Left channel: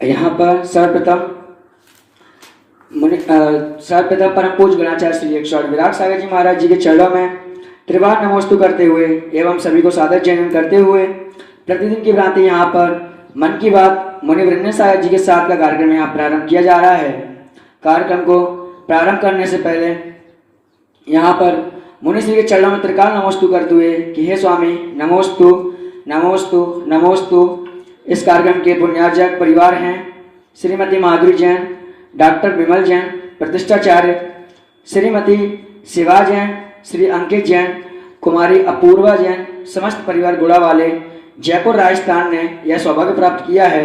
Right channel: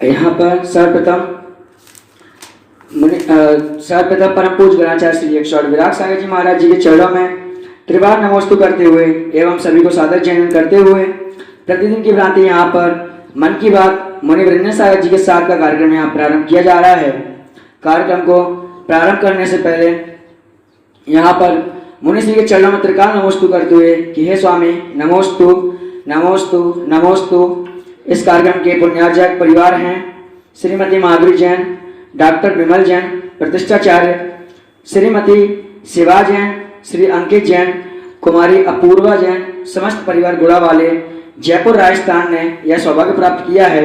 यहाँ पर सर्वप्रथम परम पूज्य गणाचार्य श्री 108 विराग सागर जी महाराज जी के चरणों में त्रिवार नमोस्तु करते हुए एवं सभी को सादर जयन करते हुए प्रतिदिन की भांति यहाँ पर मन की बात मुनि वृंद सागर जी के साथ का कार्यक्रम यहाँ प्रारंभ किया जा रहा है। कार्यक्रम को प्रारंभ करने से पहले यहाँ पर मुनि श्री के चरणों में त्रिकाल नमोस्तु करते हुए कि हे स्वामी नमोस्तु नमोस्तु नमोस्तु। इस कार्यक्रम के पुण्यार्जक परिवार हैं श्रीमती माधुरी जैन, डॉक्टर विमल जैन प्रतिष्ठाचार्य, श्रीमती शिवा जैन, श्री अंकित जैन, कुमारी अपूर्वा जैन, समस्त परिवार गुड़ा वाले जयपुर राजस्थान ने यह सौभाग्य प्राप्त किया है।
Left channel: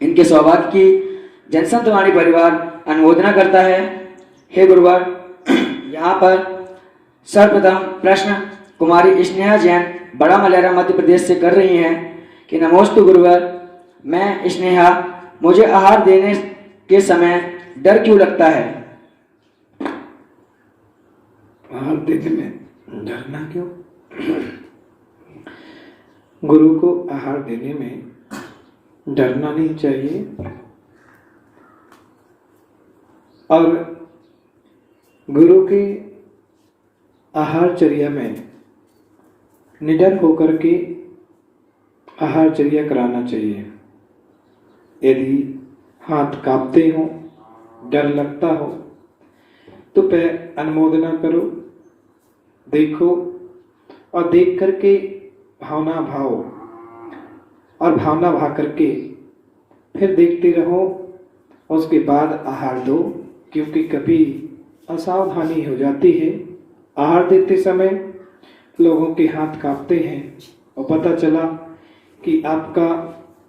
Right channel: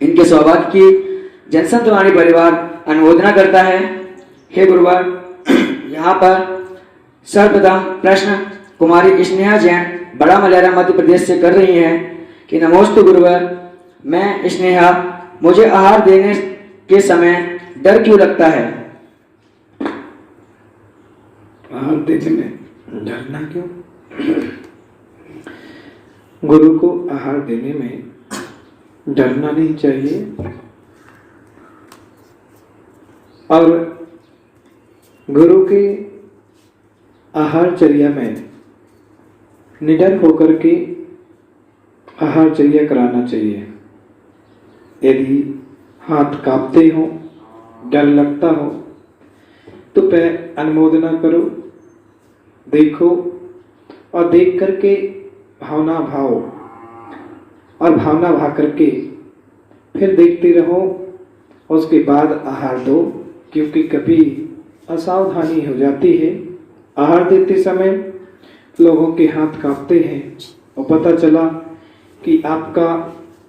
इनके सौभाग्य की जनसंतवाणी परिवार अनुमोदना करता है। हे गुरुवार, यहाँ पर सर्वप्रथम प्रश्न कुमारी स्नेहा जैन बड़ा मलेरा मध्य प्रदेश से कर रही हैं कि नमोस्तु गुरुवर, मैं स्नेहा, मुझे आहार देने के समय डर क्यों लगता है? आहार देने में डरना क्यों? गुरु को आहार देने में डरना नहीं चाहिए और गुरु के आहारचर्या में निडर होकर के आहारचर्या कराना चाहिए। यदि हाथ कांपते हो, डर लगता हो तो अनुमोदना करो, देखो और देख करके भावना भाव और भावना भा करके फिर देखते रहो, उसके बाद आहार दो। क्योंकि कभी असावधानी हो जाती है, आहार देते समय लोगों के हाथ कांपते हैं और पता चला कि आपका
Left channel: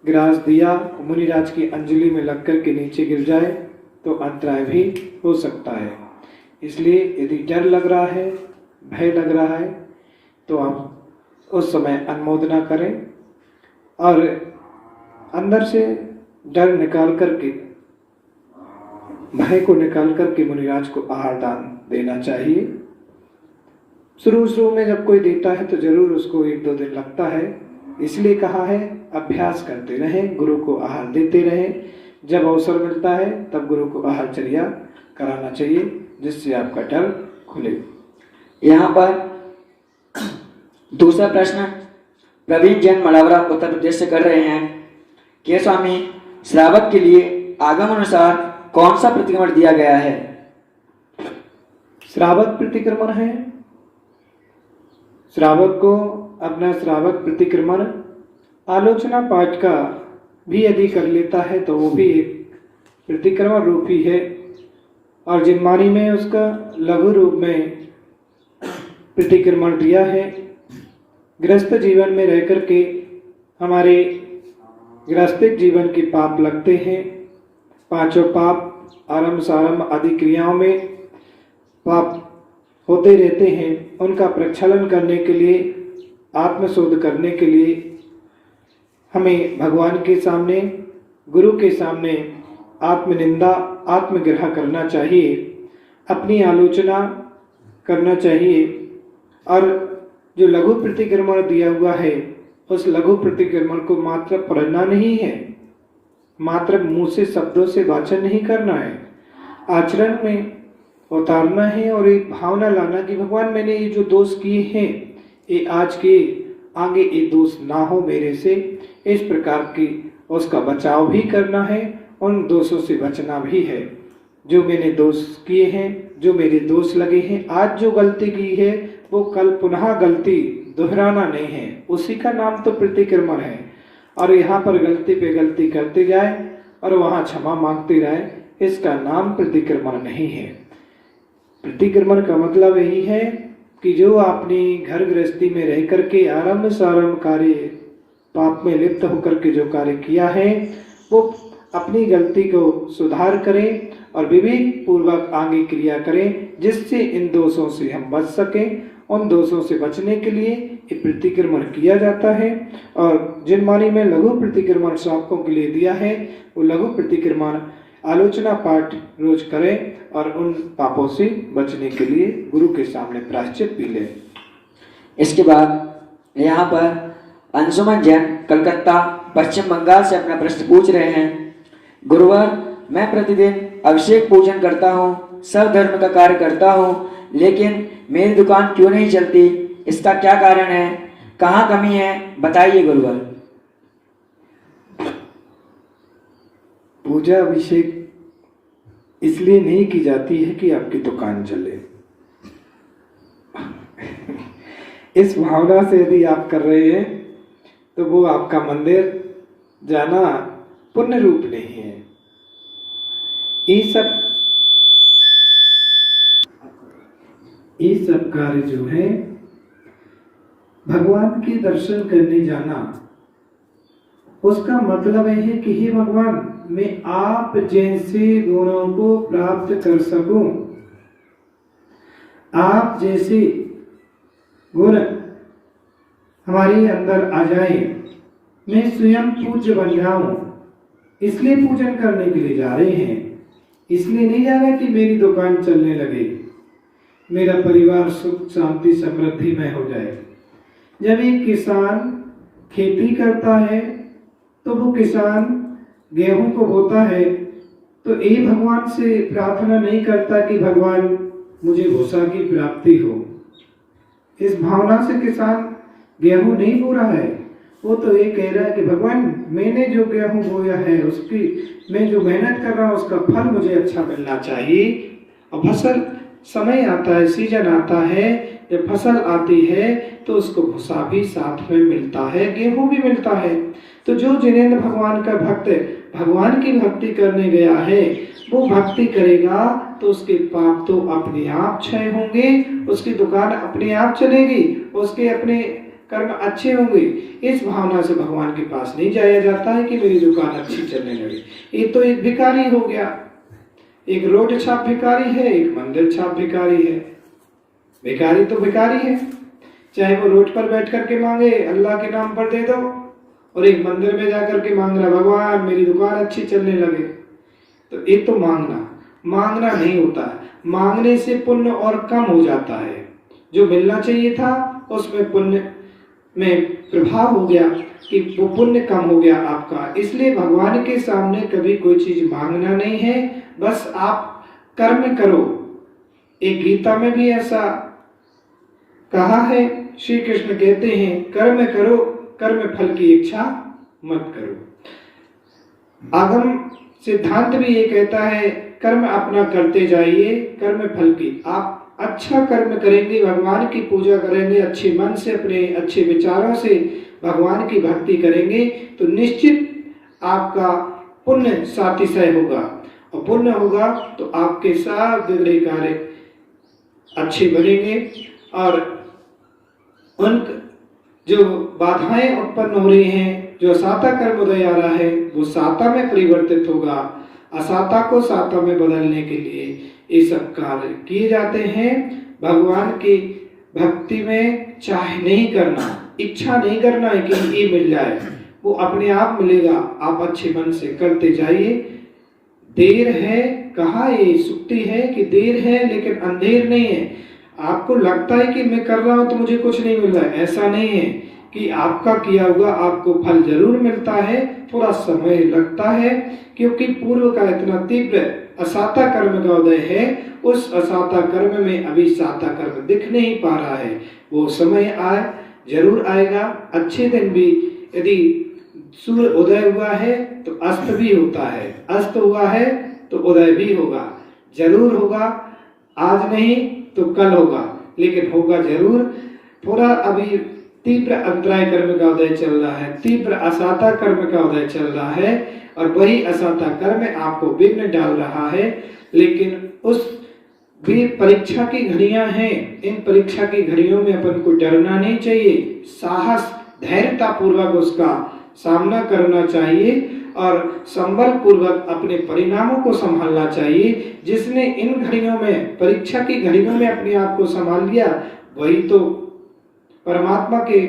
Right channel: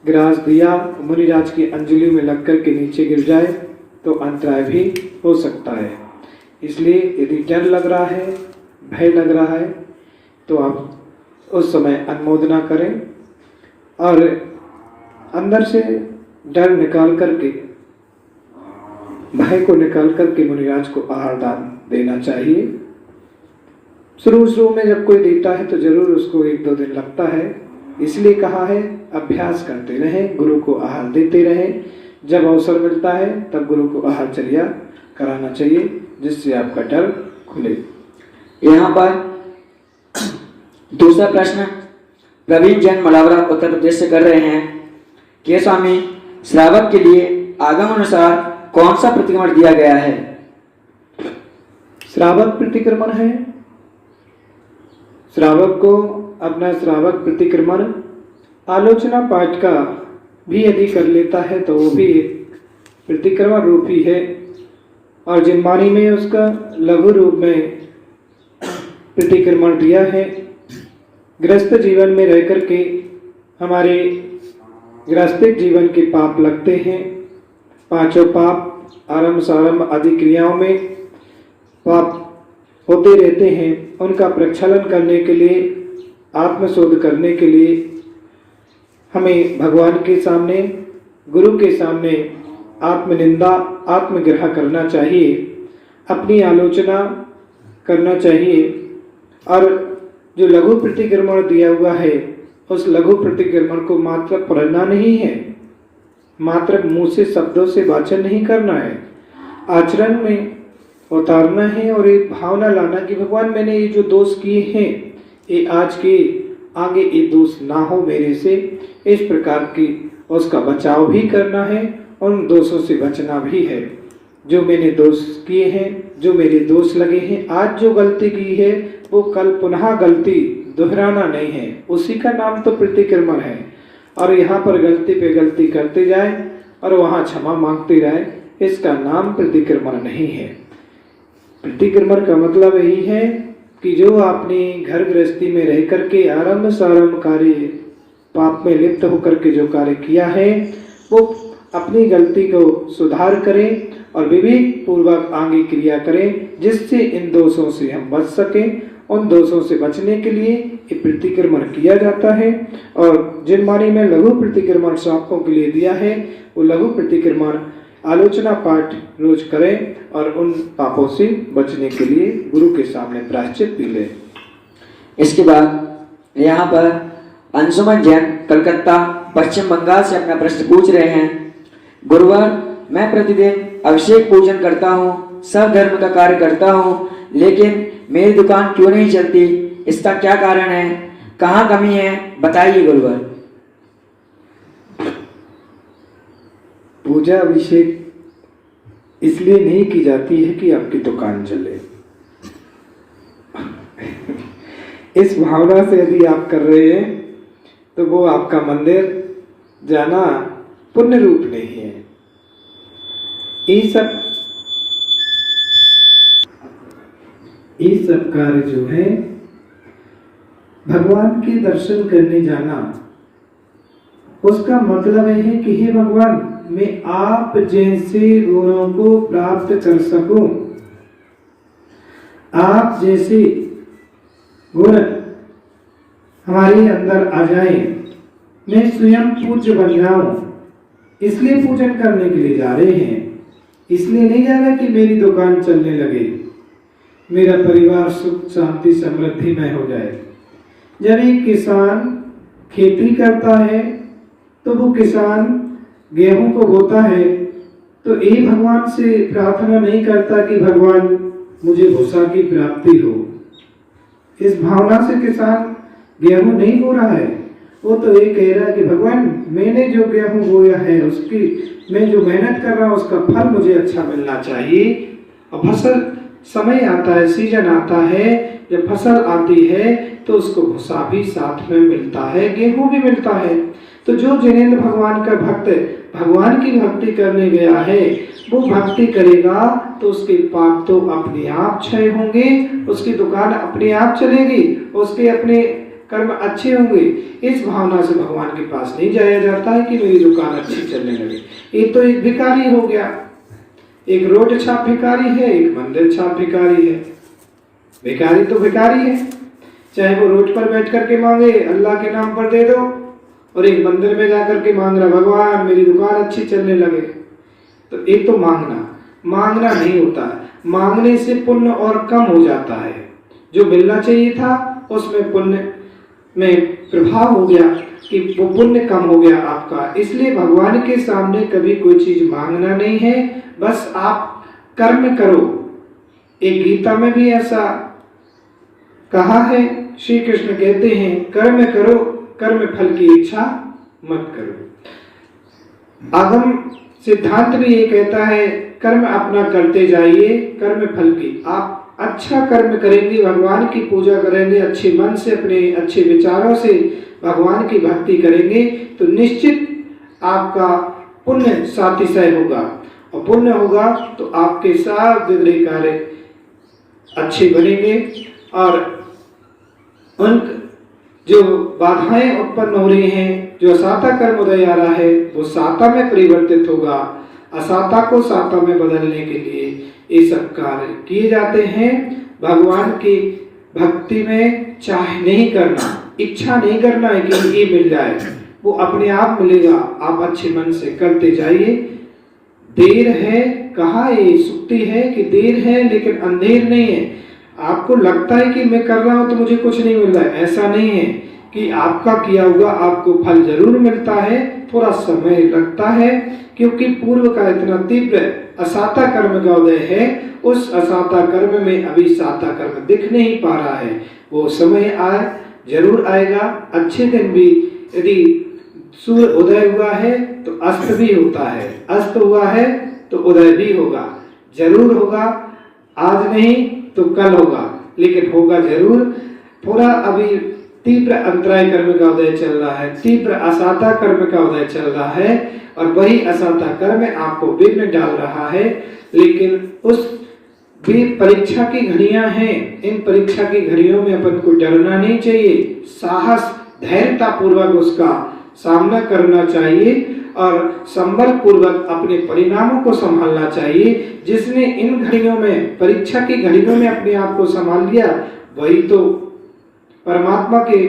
ग्रास दिया मुनिराज की अंजलि में लगकर के नीचे गिर जाए तो अंतराय भी हो सकता है। इसलिए यदि डर लग रहा है, भय लग रहा है तो आप उस समय अनुमोदना करें और अंदर से डर निकाल करके, भय को निकाल करके मुनिराज को आहार दान देना चाहिए। शुरू में जब कोई देता है तो जरूर उसको 1-2 दिन लगता है, इसलिए कहा है अभ्यास करते रहें, गुरु को आहार देते रहें। जब अवसर मिलता है तब गुरु को आहारचर्या कराना चाहिए, जिससे आपका डर खुले। यहाँ पर दूसरा प्रश्न प्रवीण जैन मलावरा उत्तर प्रदेश से कर रहे हैं कि स्वामी, श्रावक के लिए आगम अनुसार कौन सा प्रतिक्रमण दिया गया है? श्रावक प्रतिक्रमण है, श्रावक को अपना श्रावक प्रतिक्रमण आलोचना पाठ का भी यदि कर लेता है तो वो भी एक प्रतिक्रमण रूप ही है। और जिनवाणी में उसका लघु रूप में प्रतिक्रमण दिया है। गृहस्थ जीवन में रह करके हमारे गृहस्थिक जीवन के पाप लगते हैं। 5 पाप आरंभ सारंभ आदि क्रियाओं में पाप होते रहते हैं। उनका प्रक्षालन करने के लिए, आत्मशोध करने के लिए हमें भगवान के सामने, गुरु के सामने आत्मनिंदा, आत्मग्रह करना चाहिए, अपनी आलोचना करना चाहिए। और जो लघु प्रतिक्रमण दिया हुआ है, उस लघु प्रतिक्रमण को मात्र पढ़ना नहीं है, मात्र मुंह से शब्दों से वाचन नहीं करना है, आचरण में उतारना है और एक भावना लाना कि भगवान, मैंने ये जो दोष किए हैं, ये आज के आगे ये दोष ना हो मेरे से। इस प्रकार की उसका बचाव भी करना है, उन दोषों से बचना भी है। जो मैंने दोष किए हैं, जो मेरे दोष लगे हैं, आज जो गलती की है वो कल पुनः गलती दोहराना नहीं है, उसी का नाम तो प्रतिक्रमण है। और यहाँ पर गलती पे गलती करते जाए और वहाँ क्षमा मांगते रहे, इसका नाम प्रतिक्रमण नहीं है। प्रतिक्रमण का मतलब यही है कि जो आपने घर गृहस्थी में रह करके आरंभ सारंभ कार्य पाप में लिप्त होकर के जो कार्य किया है, वो अपनी गलती को सुधार करें और विवेक पूर्वक आगे क्रिया करें, जिससे इन दोषों से हम बच सकें। उन दोषों से बचने के लिए ये प्रतिक्रमण किया जाता है। और जिनवाणी में लघु प्रतिक्रमण श्रावकों के लिए दिया है, वो लघु प्रतिक्रमण आलोचना पाठ रोज करें और उन पापों से बचने के लिए गुरु के सामने प्रायश्चित भी लें। इसके बाद यहाँ पर अंशुमन जैन कलकत्ता पश्चिम बंगाल से अपना प्रश्न पूछ रहे हैं गुरुवर, मैं प्रतिदिन अभिषेक पूजन करता हूँ, सब धर्म का कार्य करता हूँ, लेकिन मेरी दुकान क्यों नहीं चलती? इसका क्या कारण है? कहाँ कमी है? बताइए गुरुवर। पूजा अभिषेक इसलिए नहीं की जाती है कि आपकी दुकान चले। इस भावना से यदि आप कर रहे हैं तो वो आपका मंदिर जाना पुण्य रूप नहीं है। ये सब कार्य जो है भगवान के दर्शन करने जाना, उसका मतलब है कि हे भगवान, मैं आप जैसे गुणों को प्राप्त कर सकूं, आप जैसे गुण हमारे अंदर आ जाए, मैं स्वयं पूज्य बन जाऊं। इसलिए पूजन करने के लिए जा रहे हैं। इसलिए नहीं जा रहा कि मेरी दुकान चलने लगे, मेरा परिवार सुख शांति समृद्धि में हो जाए। जब एक किसान खेती करता है तो वो किसान गेहूं को बोता है तो एक भगवान से प्रार्थना नहीं करता कि भगवान मुझे भूसा की प्राप्ति हो। इस भावना से किसान गेहूं नहीं बो रहा है। वो तो ये कह रहा है कि भगवान, मैंने जो गेहूं बोया है उसकी मैं जो मेहनत कर रहा हूं उसका फल मुझे अच्छा मिलना चाहिए। और फसल समय आता है, सीजन आता है, जब फसल आती है तो उसको भूसा भी साथ में मिलता है, गेहूं भी मिलता है। तो जो जिनेंद्र भगवान का भक्त भगवान की भक्ति करने गया है वो भक्ति करेगा तो उसके पाप तो अपने आप क्षय होंगे, उसकी दुकान अपने आप चलेगी, उसके अपने कर्म अच्छे होंगे। इस भावना से भगवान के पास नहीं जाया जाता है कि मेरी दुकान अच्छी चलने लगे। ये तो एक भिखारी हो गया, एक रोड छाप भिखारी है, एक मंदिर छाप भिखारी है। भिखारी तो भिखारी है, चाहे वो रोड पर बैठ करके मांगे अल्लाह के नाम पर दे दो, और एक मंदिर में जाकर के मांग रहा भगवान मेरी दुकान अच्छी चलने लगे। तो एक तो मांगना नहीं होता है। मांगने से पुण्य और कम हो जाता है। जो मिलना चाहिए था उसमें पुण्य में प्रभाव हो गया कि वो पुण्य कम हो गया आपका। इसलिए भगवान के सामने कभी कोई चीज मांगना नहीं है, बस आप कर्म करो। एक गीता में भी ऐसा कहा है, श्री कृष्ण कहते हैं कर्म करो, कर्म फल की इच्छा मत करो। आगम सिद्धांत भी ये कहता है कर्म अपना करते जाइए, कर्म फल की। आप अच्छा कर्म करेंगे, भगवान की पूजा करेंगे, अच्छे मन से अपने अच्छे विचारों से भगवान की भक्ति करेंगे तो निश्चित आपका पुण्य सातिशय होगा। और पुण्य होगा तो आपके सब बिगड़े कार्य अच्छे बनेंगे और उन जो बाधाएं उत्पन्न हो रही हैं, जो साता कर्म उदय आ रहा है वो साता में परिवर्तित होगा। असाता को साता में बदलने के लिए ये सब कार्य किए जाते हैं। भगवान की भक्ति में चाह नहीं करना, इच्छा नहीं करना है कि ये मिल जाए, वो अपने आप मिलेगा। आप अच्छे मन से करते जाइए। देर है, कहा ये सुक्ति है कि देर है लेकिन अंधेर नहीं है। आपको लगता है कि मैं कर रहा हूं तो मुझे कुछ नहीं मिल रहा है, ऐसा नहीं है कि आपका किया हुआ आपको फल जरूर मिलता है, थोड़ा समय लगता है क्योंकि पूर्व का इतना तीव्र असाता कर्म का उदय है। उस असाता कर्म में अभी साता कर्म दिख नहीं पा रहा है, वो समय आए जरूर आएगा। अच्छे दिन भी यदि सूर्य उदय हुआ है तो अस्त भी होता है, अस्त हुआ है तो उदय भी होगा, जरूर होगा। आज नहीं तो कल होगा, लेकिन होगा जरूर। थोड़ा अभी तीव्र अंतराय कर्म का उदय चल रहा है, तीव्र असाता कर्म का उदय चल रहा है और वही असाता कर्म आपको विघ्न डाल रहा है। लेकिन उस भी परीक्षा की घड़ियां हैं, इन परीक्षा की घड़ियों में अपन को डरना नहीं चाहिए, साहस धैर्यता पूर्वक उसका सामना करना चाहिए और संबल पूर्वक अपने परिणामों को संभालना चाहिए। जिसने इन घड़ियों में, परीक्षा की घड़ियों में अपने आप को संभाल लिया, वही तो परमात्मा के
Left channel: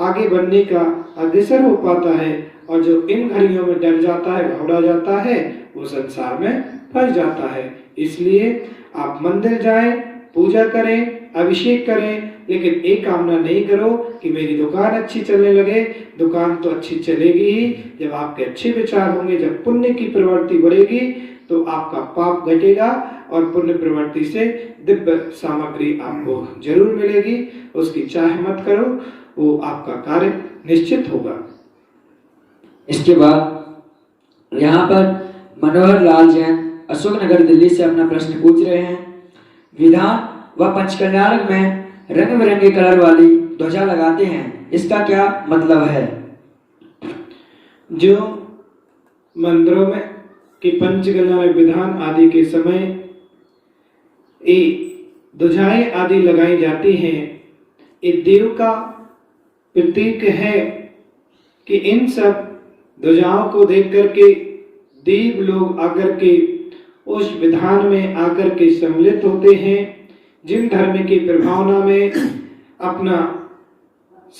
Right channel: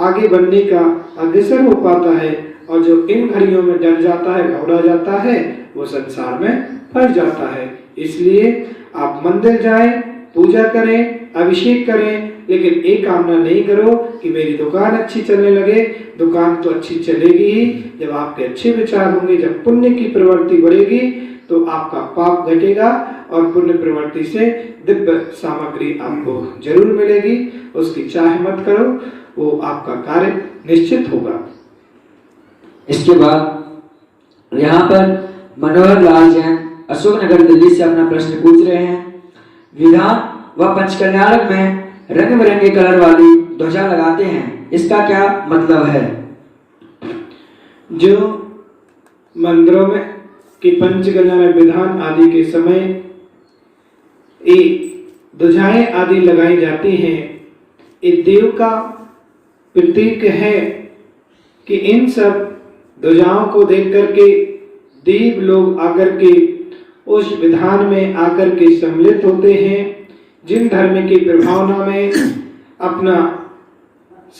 आगे बढ़ने का अग्रसर हो पाता है। और जो इन घड़ियों में डर जाता है, घबरा जाता है, वो संसार में फंस जाता है। इसलिए आप मंदिर जाएं, पूजा करें, अभिषेक करें, लेकिन एक कामना नहीं करो कि मेरी दुकान अच्छी चलने लगे। दुकान तो अच्छी चलेगी ही जब आपके अच्छे विचार होंगे, जब पुण्य की प्रवृत्ति बढ़ेगी तो आपका पाप घटेगा और पुण्य प्रवृत्ति से दिव्य सामग्री आपको जरूर मिलेगी। उसकी चाह मत करो, वो आपका कार्य निश्चित होगा। इसके बाद यहाँ पर मनोहर लाल जैन अशोकनगर दिल्ली से अपना प्रश्न पूछ रहे हैं। विधान व पंचकल्याणक में रंग बिरंगे कलर वाली ध्वजा लगाते हैं, इसका क्या मतलब है? जो मंदिरों में कि पंचकल्याणक विधान आदि के समय ये ध्वजाएं आदि लगाई जाती हैं, ये देव का प्रतीक है कि इन सब ध्वजाओं को देख करके देव लोग आकर के उस विधान में आकर के सम्मिलित होते हैं। जिन धर्म की प्रभावना में अपना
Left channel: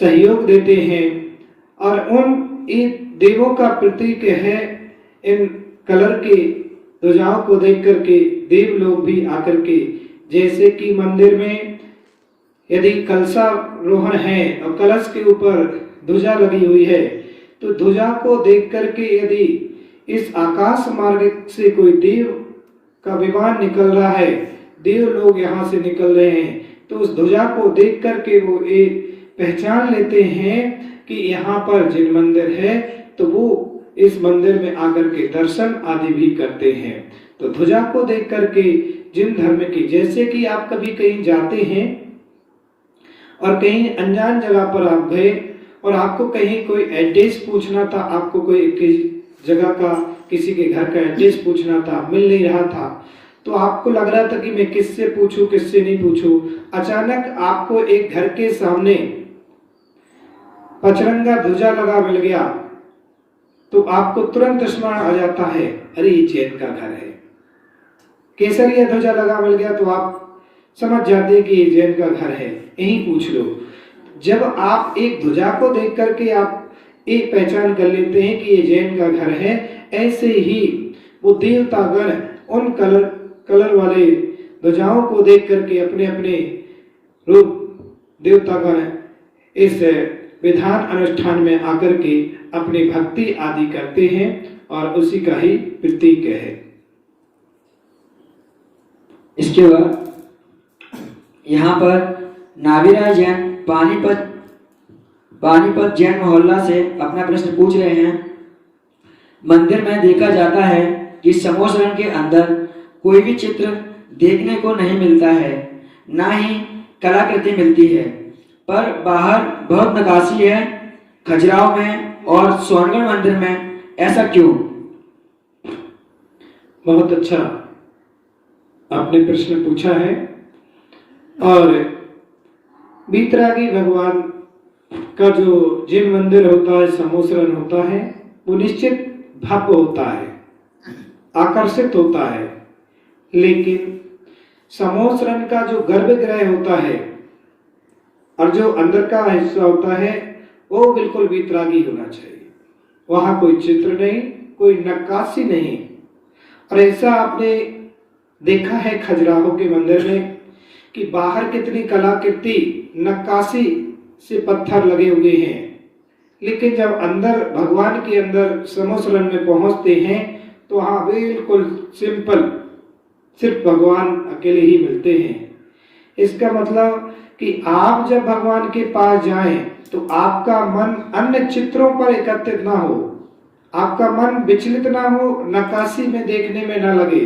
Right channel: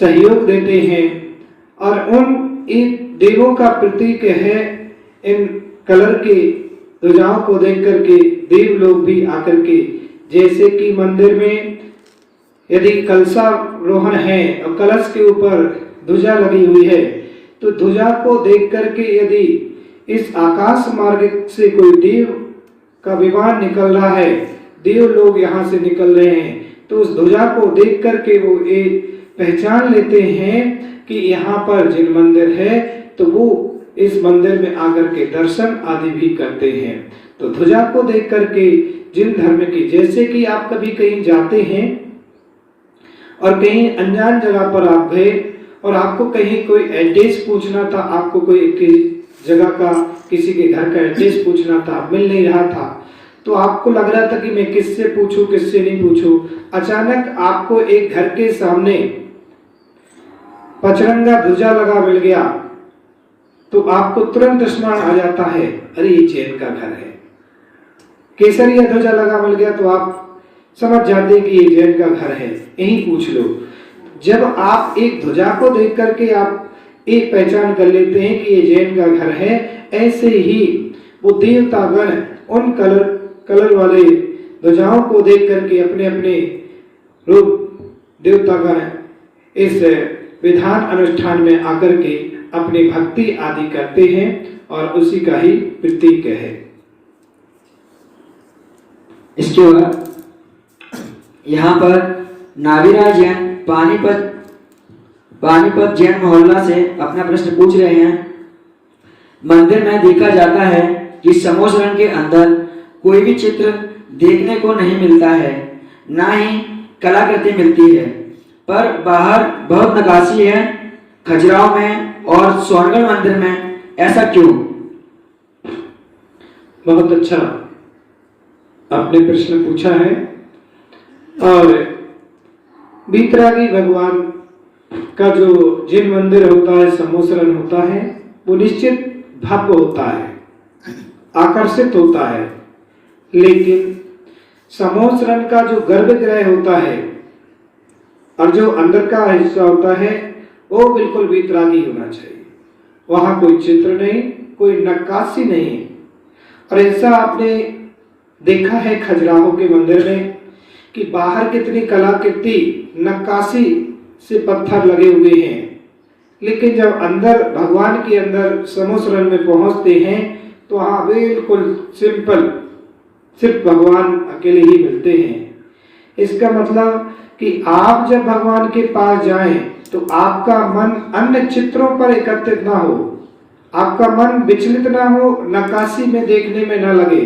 सहयोग देते हैं और उन देवों का प्रतीक है। इन कलर के ध्वजाओं को देख करके देव लोग भी आकर के, जैसे कि मंदिर में यदि कलशारोहण है और कलश के ऊपर ध्वजा लगी हुई है, तो ध्वजा को देख करके यदि इस आकाश मार्ग से कोई देव का विमान निकल रहा है, देव लोग यहाँ से निकल रहे हैं, तो उस ध्वजा को देख करके वो एक पहचान लेते हैं कि यहाँ पर जिन मंदिर है तो वो इस मंदिर में आकर के दर्शन आदि भी करते हैं। तो ध्वजा को देख करके जिन धर्म की, जैसे कि आप कभी कहीं जाते हैं और कहीं अनजान जगह पर आप गए और आपको कहीं कोई एड्रेस पूछना था, आपको कोई जगह का, किसी के घर का एड्रेस पूछना था, मिल नहीं रहा था, तो आपको लग रहा था कि मैं किससे पूछूं, किससे नहीं पूछूं। अचानक आपको एक घर के सामने पचरंगा ध्वजा लगा मिल गया, तो आपको तुरंत स्मरण आ जाता है, अरे ये जैन का घर है। केसरिया ध्वजा लगा मिल गया तो आप समझ जाते कि ये जैन का घर है, यही पूछ लो। जब आप एक ध्वजा को देख करके आप एक पहचान कर लेते हैं कि ये जैन का घर है, ऐसे ही वो देवतागण उन कलर वाले ध्वजाओं को देख करके अपने अपने रूप देवतागण इस विधान अनुष्ठान में आकर के अपनी भक्ति आदि करते हैं और उसी का ही प्रतीक है। इसके बाद यहाँ पर नावीरा जैन पानीपत जैन मोहल्ला से अपना प्रश्न पूछ रहे हैं। मंदिर में देखा जाता है कि समोसरण के अंदर कोई भी चित्र देखने को नहीं मिलता है, ना ही कलाकृति मिलती है, पर बाहर बहुत नक्काशी है खजुराहो में और सोनगढ़ मंदिर में, ऐसा क्यों? बहुत अच्छा आपने प्रश्न पूछा है। और बीतरागी भगवान का जो जिन मंदिर होता है, समोसरण होता है, वो निश्चित भव्य होता है, आकर्षित होता है, लेकिन समोसरण का जो गर्भगृह होता है और जो अंदर का हिस्सा होता है वो बिल्कुल बीतरागी होना चाहिए। वहां कोई चित्र नहीं, कोई नक्काशी नहीं। और ऐसा आपने देखा है खजुराहो के मंदिर में कि बाहर कितनी कलाकृति नक्काशी से पत्थर लगे हुए हैं, लेकिन जब अंदर भगवान के अंदर समोसरण में पहुंचते हैं तो वहां बिल्कुल सिंपल सिर्फ भगवान अकेले ही मिलते हैं। इसका मतलब कि आप जब भगवान के पास जाएं तो आपका मन अन्य चित्रों पर एकत्रित ना हो, आपका मन विचलित ना हो, नक्काशी में देखने में ना लगे,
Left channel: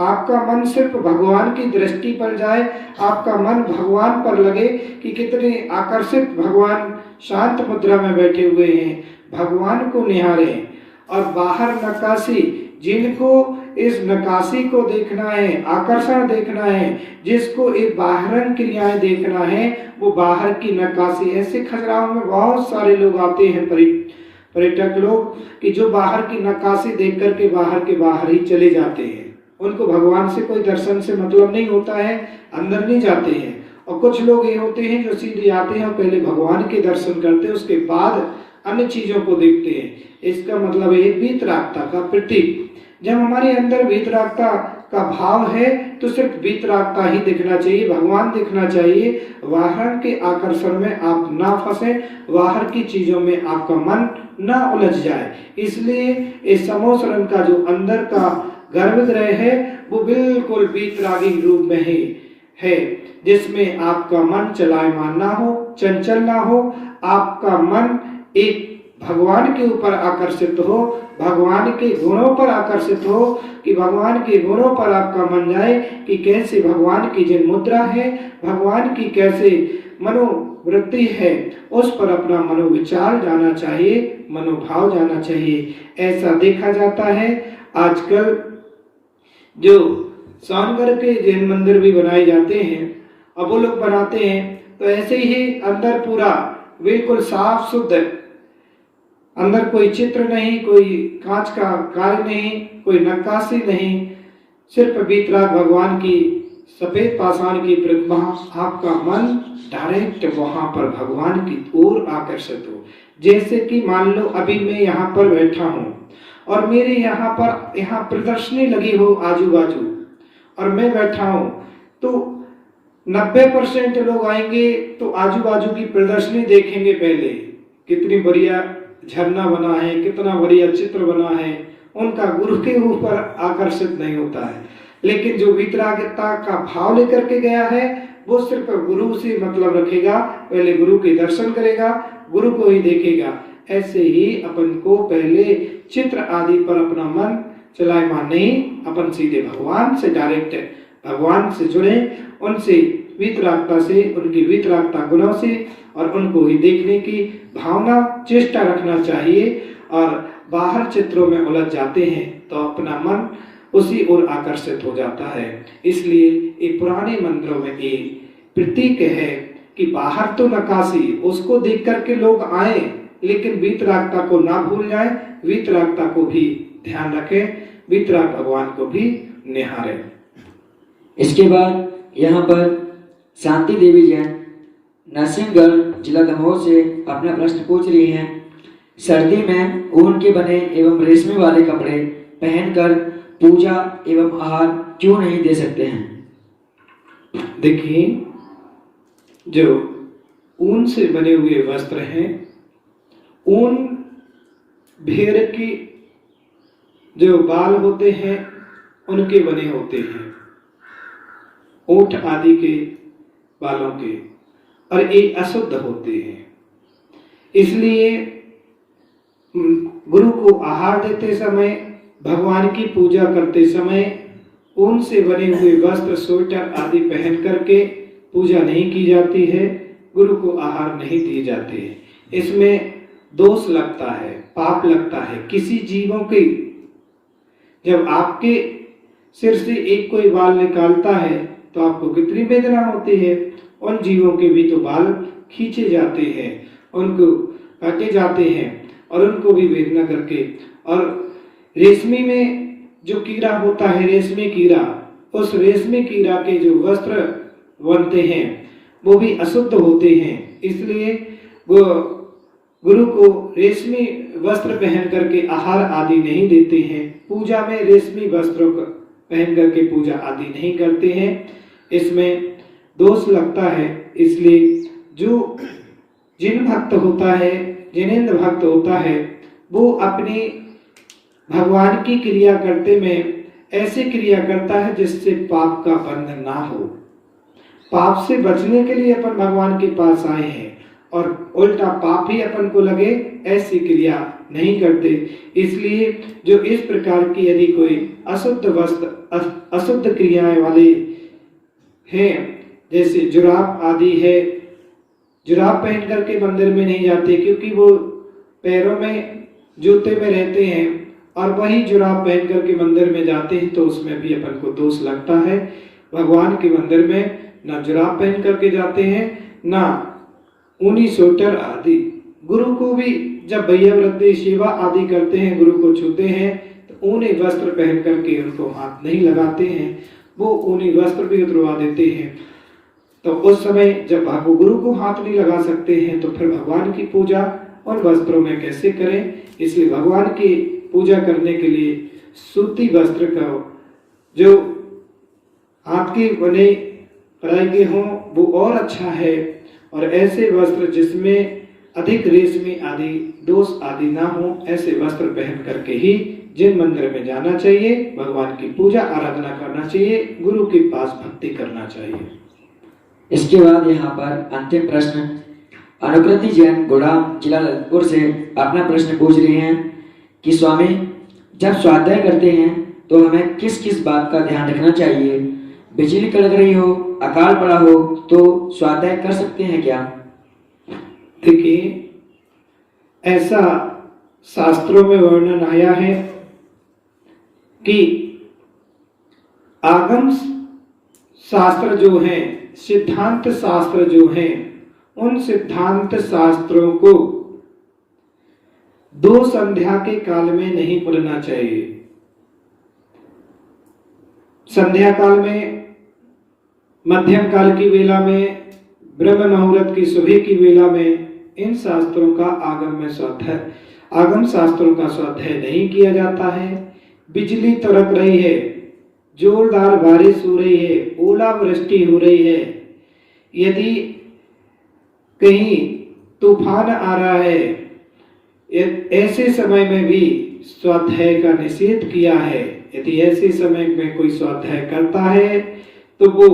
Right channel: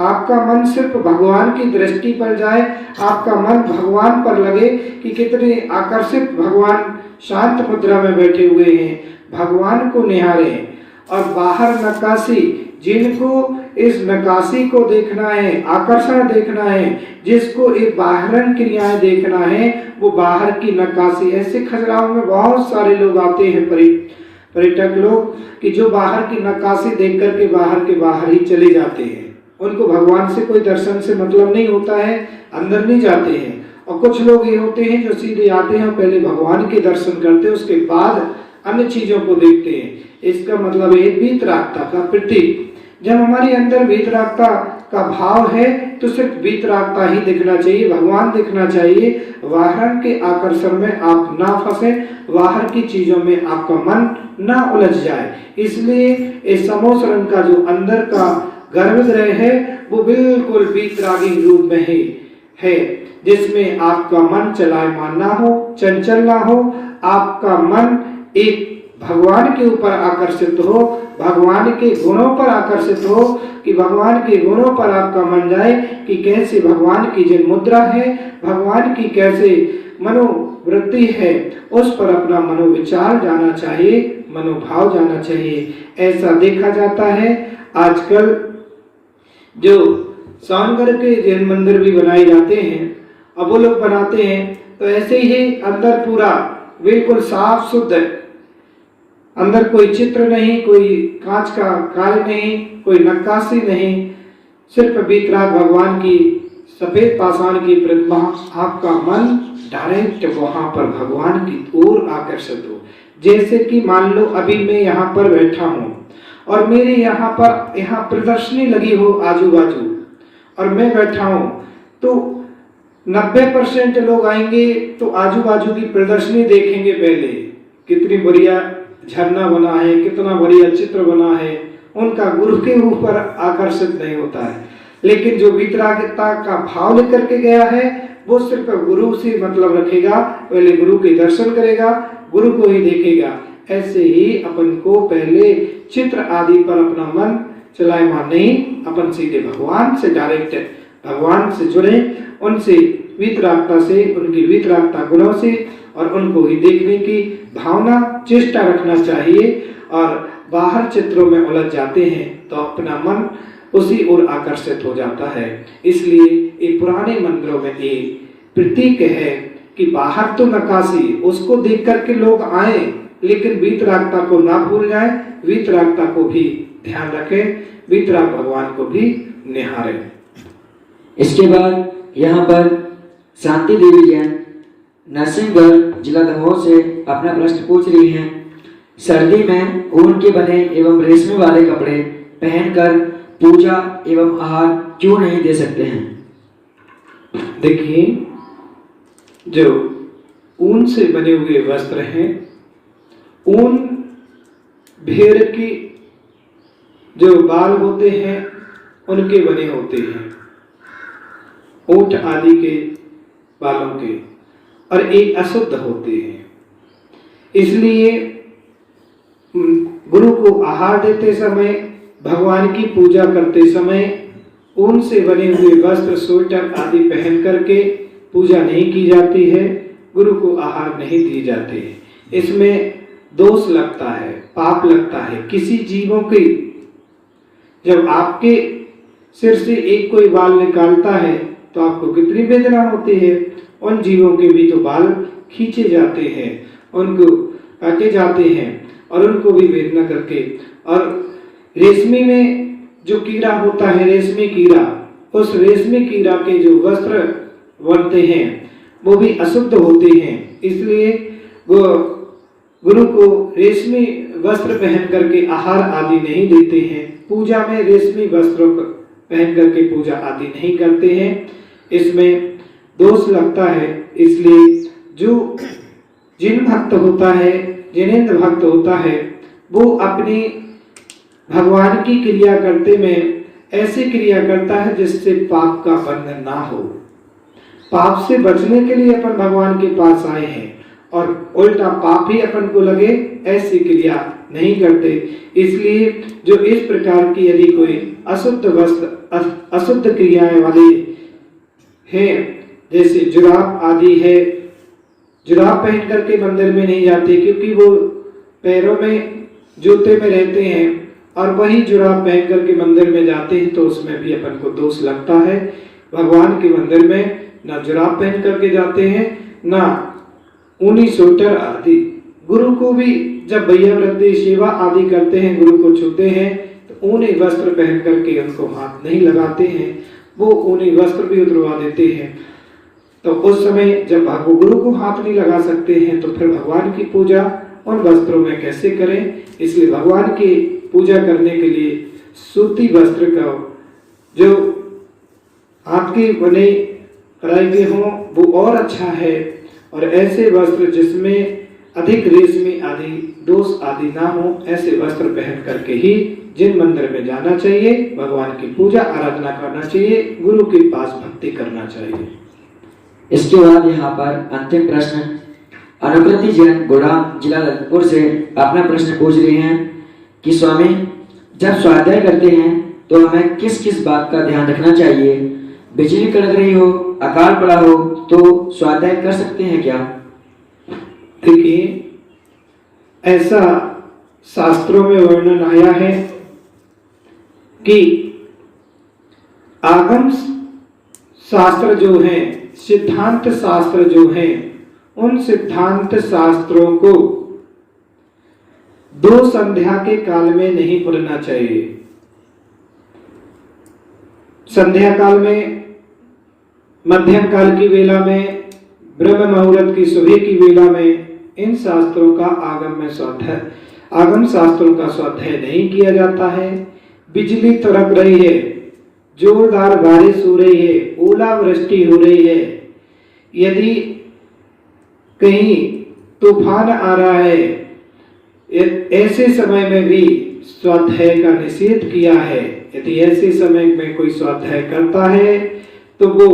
आपका मन सिर्फ भगवान की दृष्टि पर जाए, आपका मन भगवान पर लगे कि कितने आकर्षित भगवान शांत मुद्रा में बैठे हुए हैं, भगवान को निहारें। और बाहर नक्काशी, जिनको इस नक्काशी को देखना है, आकर्षण देखना है, जिसको एक बाहरन क्रियाएं देखना है, वो बाहर की नक्काशी। ऐसे खजुराहो में बहुत सारे लोग आते हैं, पर्यटक लोग, कि जो बाहर की नक्काशी देख करके बाहर के बाहर ही चले जाते हैं। उनको भगवान से कोई दर्शन से मतलब नहीं होता है, अंदर नहीं जाते हैं। और कुछ लोग ये होते हैं जो सीधे आते हैं, पहले भगवान के दर्शन करते हैं, उसके बाद अन्य चीजों को देखते हैं। इसका मतलब है वीतरागता का प्रतीक। जब हमारे अंदर वीतरागता का भाव है तो सिर्फ वीतरागता ही दिखना चाहिए, भगवान दिखना चाहिए। बाहर के आकर्षण में आप ना फंसे, बाहर की चीजों में आपका मन ना उलझ जाए। इसलिए इस समोसरण का जो अंदर का गर्भगृह है वो बिल्कुल वीतरागी रूप में ही है, जिसमें आपका मन चलायमान ना हो, चंचल ना हो, आपका मन एक भगवान के ऊपर आकर्षित हो, भगवान के गुणों पर आकर्षित हो, कि भगवान के गुणों पर आपका मन जाए कि कैसे भगवान की जो मुद्रा है, भगवान की कैसे मनोवृत्ति है, उस पर अपना मनोविचार जाना चाहिए, मनोभाव जाना चाहिए। ऐसा देखा जाता है आजकल जो सोनगढ़ के जैन मंदिर भी बनाए जाते हैं, अब वो लोग बनाते हैं तो ऐसे ही अंदर पूरा बिल्कुल साफ शुद्ध, अंदर कोई चित्र नहीं, कोई कांच का कार्य नहीं, कोई नक्काशी नहीं, सिर्फ वीतराग भगवान की सफेद पाषाण की प्रतिमा, आपका मन डायरेक्ट वहां पर भगवान की ओर आकर्षित हो। जैसे कि मान लो अभी मैं यहाँ पर बैठा हूँ और मेरे यहाँ प्रदर्शनी लगी हो आजू बाजू और मैं बैठा हूँ, तो 90% लोग आएंगे तो आजू बाजू की प्रदर्शनी देखेंगे। पहले कितनी बढ़िया झरना बना है, कितना बढ़िया चित्र बना है, उनका गुरु के ऊपर आकर्षित नहीं होता है। लेकिन जो वीतरागता का भाव लेकर के गया है वो सिर्फ गुरु से मतलब रखेगा, पहले गुरु के दर्शन करेगा, गुरु को ही देखेगा। ऐसे ही अपन को पहले चित्र आदि पर अपना मन चलायमान नहीं, अपन सीधे भगवान से डायरेक्ट भगवान से जुड़े, उनसे वीतरागता से, उनकी वीतरागता गुणों से और उनको ही देखने की भावना चेष्टा रखना चाहिए। और बाहर चित्रों में उलझ जाते हैं तो अपना मन उसी ओर आकर्षित हो जाता है। इसलिए एक पुराने मंदिरों में एक प्रतीक है कि बाहर तो नक्काशी, उसको देख करके लोग आए, लेकिन वीतरागता को ना भूल जाए, वीतरागता को भी ध्यान रखें, वीतराग भगवान को भी निहारें। इसके बाद यहाँ पर शांति देवी जैन नरसिंहगढ़ जिला दमोह से अपना प्रश्न पूछ रही हैं। सर्दी में ऊन के बने एवं रेशमी वाले कपड़े पहनकर पूजा एवं आहार क्यों नहीं दे सकते हैं? देखिए, जो ऊन से बने हुए वस्त्र हैं, ऊन भेड़ की जो बाल होते हैं उनके बने होते हैं, ऊंट आदि के बालों के, और एक अशुद्ध होते हैं। इसलिए गुरु को आहार देते समय, भगवान की पूजा करते समय ऊन से बने हुए वस्त्र, स्वेटर आदि पहन करके पूजा नहीं की जाती है, गुरु को आहार नहीं दिए जाते हैं। इसमें दोष लगता है, पाप लगता है। किसी जीवों के, जब आपके सिर से एक कोई बाल निकालता है तो आपको कितनी वेदना होती है। उन जीवों के भी तो बाल खींचे जाते हैं, उनको काटे जाते हैं और उनको भी वेदना करके। और रेशमी में जो कीड़ा होता है, रेशमी कीड़ा, उस रेशमी कीड़ा के जो वस्त्र बनते हैं वो भी अशुद्ध होते हैं। इसलिए वो गुरु को रेशमी वस्त्र पहन करके आहार आदि नहीं देते हैं, पूजा में रेशमी वस्त्रों पहन करके पूजा आदि नहीं करते हैं। इसमें दोष लगता है। इसलिए जो जिन भक्त होता है, जिनेंद्र भक्त होता है, वो अपनी भगवान की क्रिया करते में ऐसी क्रिया करता है जिससे पाप का बंधन ना हो। पाप से बचने के लिए अपन भगवान के पास आए हैं और उल्टा पाप ही अपन को लगे, ऐसी क्रिया नहीं करते। इसलिए जो इस प्रकार की यदि कोई अशुद्ध वस्त्र, अशुद्ध क्रियाएं वाले हैं, जैसे जुराब आदि है, जुराब पहन करके मंदिर में नहीं जाते क्योंकि वो पैरों में जूते में रहते हैं, और वही जुराब पहन करके मंदिर में जाते हैं तो उसमें भी अपन को दोष लगता है। भगवान के मंदिर में ना जुराब पहन करके जाते हैं, ना ऊनी स्वेटर आदि। गुरु को भी जब भैया वृद्धि सेवा आदि करते हैं, गुरु को छूते हैं तो ऊनी वस्त्र पहन करके उनको हाथ नहीं लगाते हैं, वो ऊनी वस्त्र भी उतरवा देते हैं। तो उस समय जब वो गुरु को हाथ नहीं लगा सकते हैं तो फिर भगवान की पूजा उन वस्त्रों में कैसे करें? इसलिए भगवान की पूजा करने के लिए सूती वस्त्र का जो हाथ के बने कढ़ाई के हों वो और अच्छा है। और ऐसे वस्त्र जिसमें अधिक रेशमी आदि दोष आदि ना हो, ऐसे वस्त्र पहन करके ही जिन मंदिर में जाना चाहिए, भगवान की पूजा आराधना करना चाहिए, गुरु के पास भक्ति करना चाहिए। इसके बाद यहाँ पर अंतिम प्रश्न अनुकृति जैन गुड़ाम जिला ललितपुर से अपना प्रश्न पूछ रही हैं कि स्वामी, जब स्वाध्याय करते हैं तो हमें किस किस बात का ध्यान रखना चाहिए? बिजली कड़क रही हो, अकाल पड़ा हो तो स्वाध्याय कर सकते हैं क्या? देखिए, ऐसा शास्त्रों में वर्णन आया है कि आगम शास्त्र जो हैं, सिद्धांत शास्त्र जो हैं, उन सिद्धांत शास्त्रों को दो संध्या के काल में नहीं पढ़ना चाहिए। संध्या काल में, मध्यम काल की वेला में, ब्रह्म मुहूर्त की सुबह की वेला में इन शास्त्रों का आगम शास्त्रों का स्वाध्याय नहीं किया जाता है। बिजली तड़क रही है, जोरदार बारिश हो रही है, ओलावृष्टि हो रही है, यदि कहीं तूफान आ रहा है, ऐसे समय में भी स्वाध्याय का निषेध किया है। यदि ऐसे समय में कोई स्वाध्याय करता है तो वो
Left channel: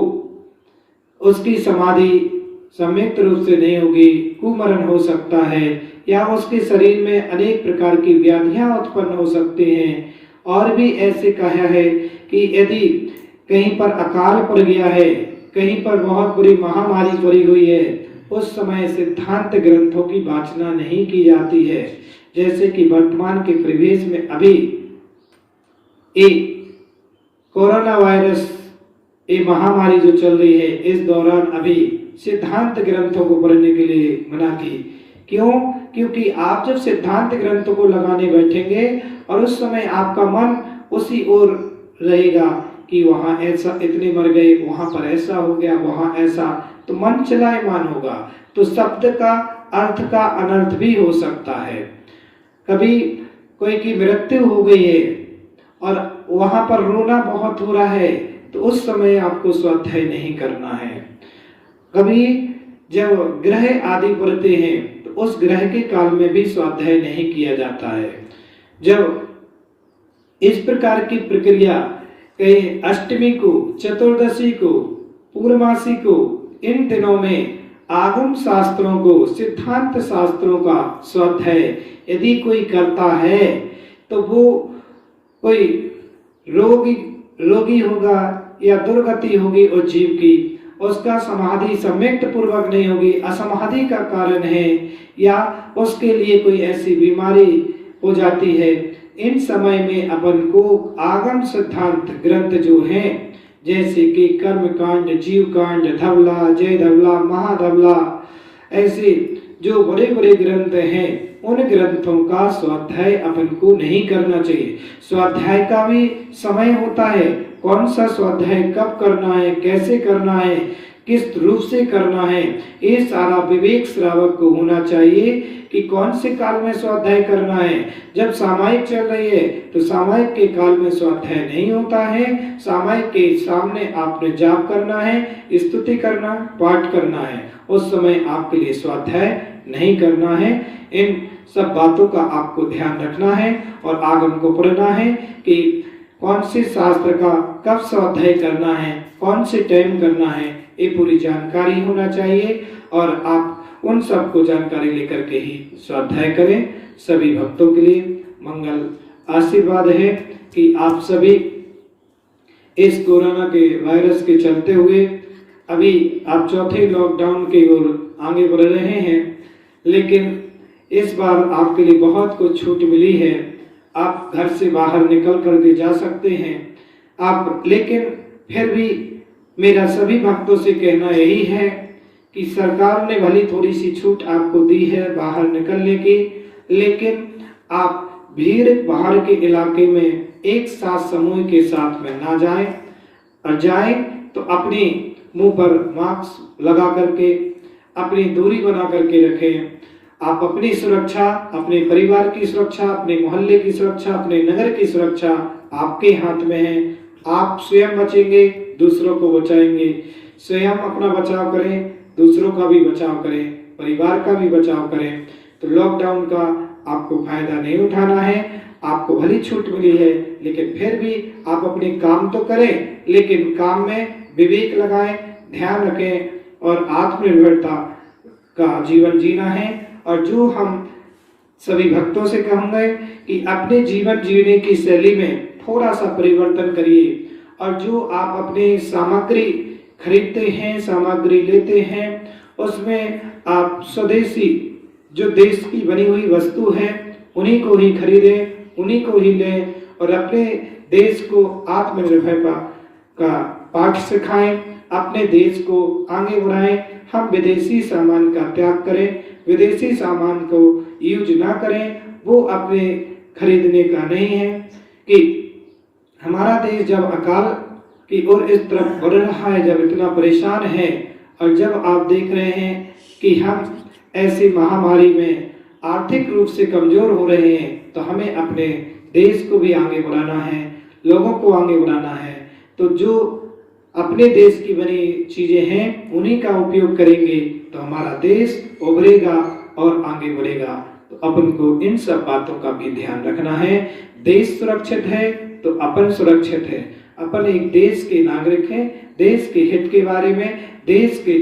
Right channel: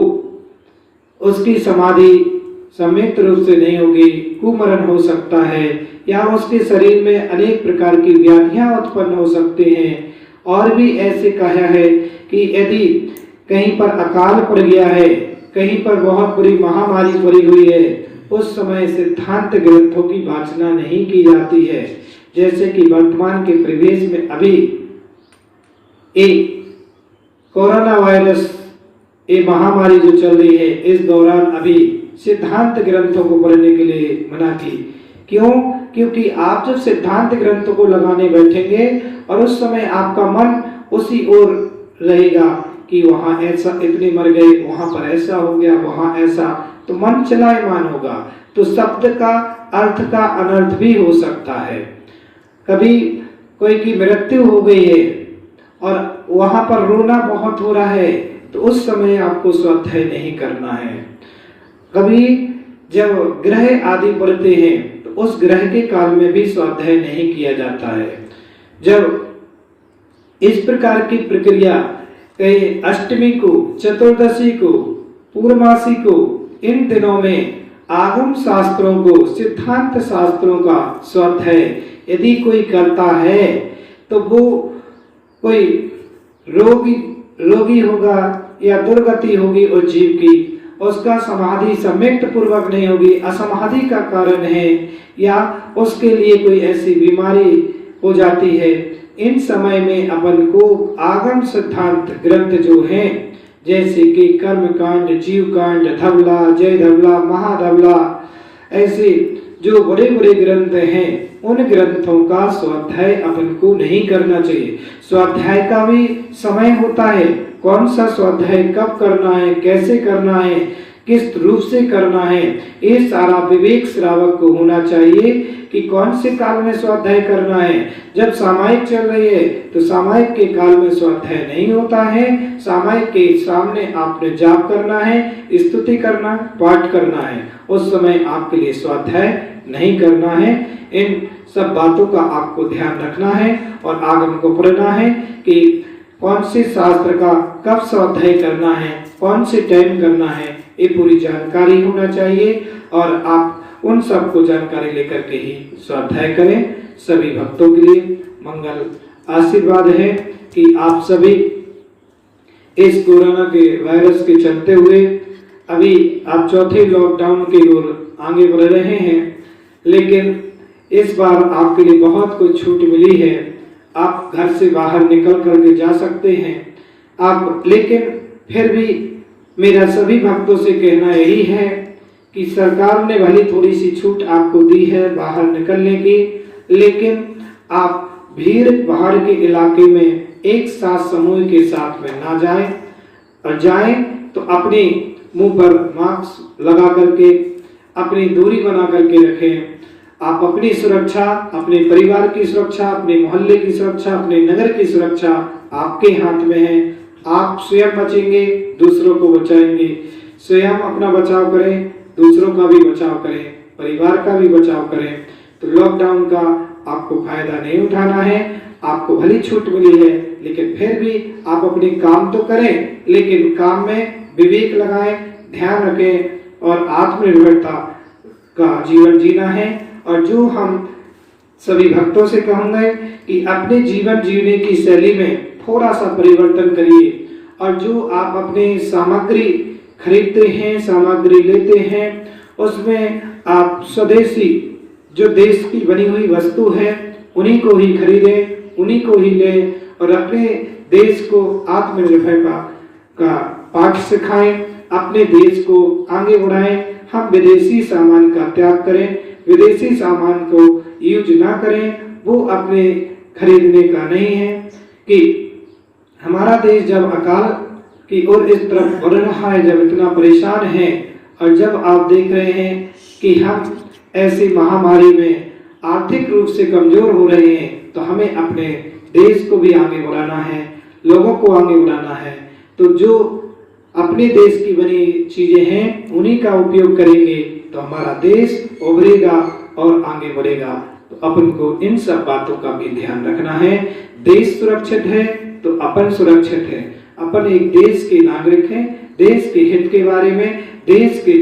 उसकी समाधि सम्यक रूप से नहीं होगी, कुमरण हो सकता है, या उसके शरीर में अनेक प्रकार की व्याधियां उत्पन्न हो सकती हैं। और भी ऐसे कहा है कि यदि कहीं पर अकाल पड़ गया है, कहीं पर बहुत बुरी महामारी पड़ी हुई है, उस समय सिद्धांत ग्रंथों की वाचना नहीं की जाती है। जैसे कि वर्तमान के परिवेश में अभी एक कोरोना वायरस ये महामारी जो चल रही है, इस दौरान अभी सिद्धांत ग्रंथों को पढ़ने के लिए मना की। क्यों? क्योंकि आप जब सिद्धांत ग्रंथों को लगाने बैठेंगे और उस समय आपका मन उसी ओर रहेगा कि वहां ऐसा, इतने मर गए, वहां पर ऐसा हो गया, वहां ऐसा, तो मन चलायमान होगा, तो शब्द का अर्थ का अनर्थ भी हो सकता है। कभी कोई की मृत्यु हो गई है और वहां पर रोना बहुत हो रहा है, तो उस समय आपको स्वाध्याय नहीं करना है। कभी जब ग्रह आदि पड़ते हैं तो उस ग्रह के काल में भी स्वाध्याय नहीं किया जाता है। जब इस प्रकार की प्रक्रिया कहीं अष्टमी को, चतुर्दशी को, पूर्णमासी को, इन दिनों में आगम शास्त्रों को, सिद्धांत शास्त्रों का स्वाध्याय यदि कोई करता है तो वो कोई रोगी होगा या दुर्गति होगी उस जीव की, उसका समाधि सम्यक पूर्वक नहीं होगी, असमाधि का कारण है, या उसके लिए कोई ऐसी बीमारी हो जाती है। इन समय में अपन को आगम सिद्धांत ग्रंथ जो हैं, जैसे कि कर्म कांड, जीव कांड, धवला, जय धवला, महाधवला, ऐसे जो बड़े बड़े ग्रंथ हैं, उन ग्रंथों का स्वाध्याय अपन को नहीं करना चाहिए। स्वाध्याय का भी समय होता है, कौन सा स्वाध्याय कब करना है, कैसे करना है, किस रूप से करना है, ये सारा विवेक श्रावक को होना चाहिए कि कौन से काल में स्वाध्याय करना है। जब सामायिक चल रही है तो सामायिक के काल में स्वाध्याय नहीं होता है। सामायिक के सामने आपने जाप करना है, स्तुति करना, पाठ करना है, उस समय आपके लिए स्वाध्याय नहीं करना है। इन सब बातों का आपको ध्यान रखना है और आगम को पढ़ना है कि कौन से शास्त्र का कब स्वाध्याय करना है, कौन से टाइम करना है, ये पूरी जानकारी होना चाहिए और आप उन सब को जानकारी लेकर के ही स्वाध्याय करें। सभी भक्तों के लिए मंगल आशीर्वाद है कि आप सभी इस कोरोना के वायरस के चलते हुए अभी आप चौथे लॉकडाउन की ओर आगे बढ़ रहे हैं, लेकिन इस बार आपके लिए बहुत कुछ छूट मिली है। आप घर से बाहर निकल करके जा सकते हैं आप, लेकिन फिर भी मेरा सभी भक्तों से कहना यही है कि सरकार ने भली थोड़ी सी छूट आपको दी है बाहर निकलने की, लेकिन आप भीड़ भाड़ के इलाके में एक साथ समूह के साथ में ना जाएं, और जाएं तो अपने मुंह पर मास्क लगा करके अपनी दूरी बना करके रखें। आप अपनी सुरक्षा, अपने परिवार की सुरक्षा, अपने मोहल्ले की सुरक्षा, अपने नगर की सुरक्षा आपके हाथ में है। आप स्वयं बचेंगे, दूसरों को बचाएंगे। स्वयं अपना बचाव करें, दूसरों का भी बचाव करें, परिवार का भी बचाव करें। तो लॉकडाउन का आपको फायदा नहीं उठाना है। आपको भली छूट मिली है, लेकिन फिर भी आप अपने काम तो करें, लेकिन काम में विवेक लगाएं, ध्यान रखें और आत्मनिर्भरता का जीवन जीना है। और जो हम सभी भक्तों से कहूँगा कि अपने जीवन जीने की शैली में थोड़ा सा परिवर्तन करिए। और जो आप अपने सामग्री खरीदते हैं, सामग्री लेते हैं, उसमें आप स्वदेशी जो देश की बनी हुई वस्तु है उन्हीं को ही खरीदें, उन्हीं को ही लें और अपने देश को आत्मनिर्भरता का पाठ सिखाएं, अपने देश को आगे बढ़ाएं। हम विदेशी सामान का त्याग करें, विदेशी सामान को यूज ना करें। वो अपने खरीदने का नहीं है कि हमारा देश जब अकाल की ओर इस तरफ बढ़ रहा है, जब इतना परेशान है और जब आप देख रहे हैं कि हम ऐसी महामारी में आर्थिक रूप से कमजोर हो रहे हैं, तो हमें अपने देश को भी आगे बढ़ाना है, लोगों को आगे बढ़ाना है। तो जो अपने देश की बनी चीजें हैं उन्हीं का उपयोग करेंगे तो हमारा देश उभरेगा और आगे बढ़ेगा। तो अपन को इन सब बातों का भी ध्यान रखना है। देश सुरक्षित है तो अपन सुरक्षित है। अपन एक देश के नागरिक हैं। देश के हित के बारे में, देश के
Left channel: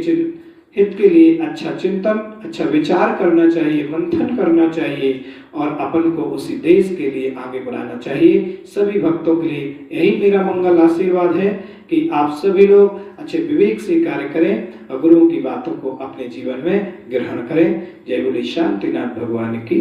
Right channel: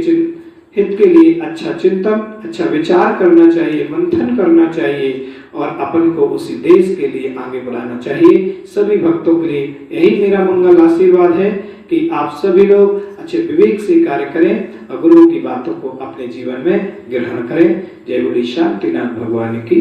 हित के लिए अच्छा चिंतन, अच्छा विचार करना चाहिए, मंथन करना चाहिए और अपन को उसी देश के लिए आगे बढ़ाना चाहिए। सभी भक्तों के लिए यही मेरा मंगल आशीर्वाद है कि आप सभी लोग अच्छे विवेक से कार्य करें और गुरु की बातों को अपने जीवन में ग्रहण करें। जय बोले शांतिनाथ भगवान की।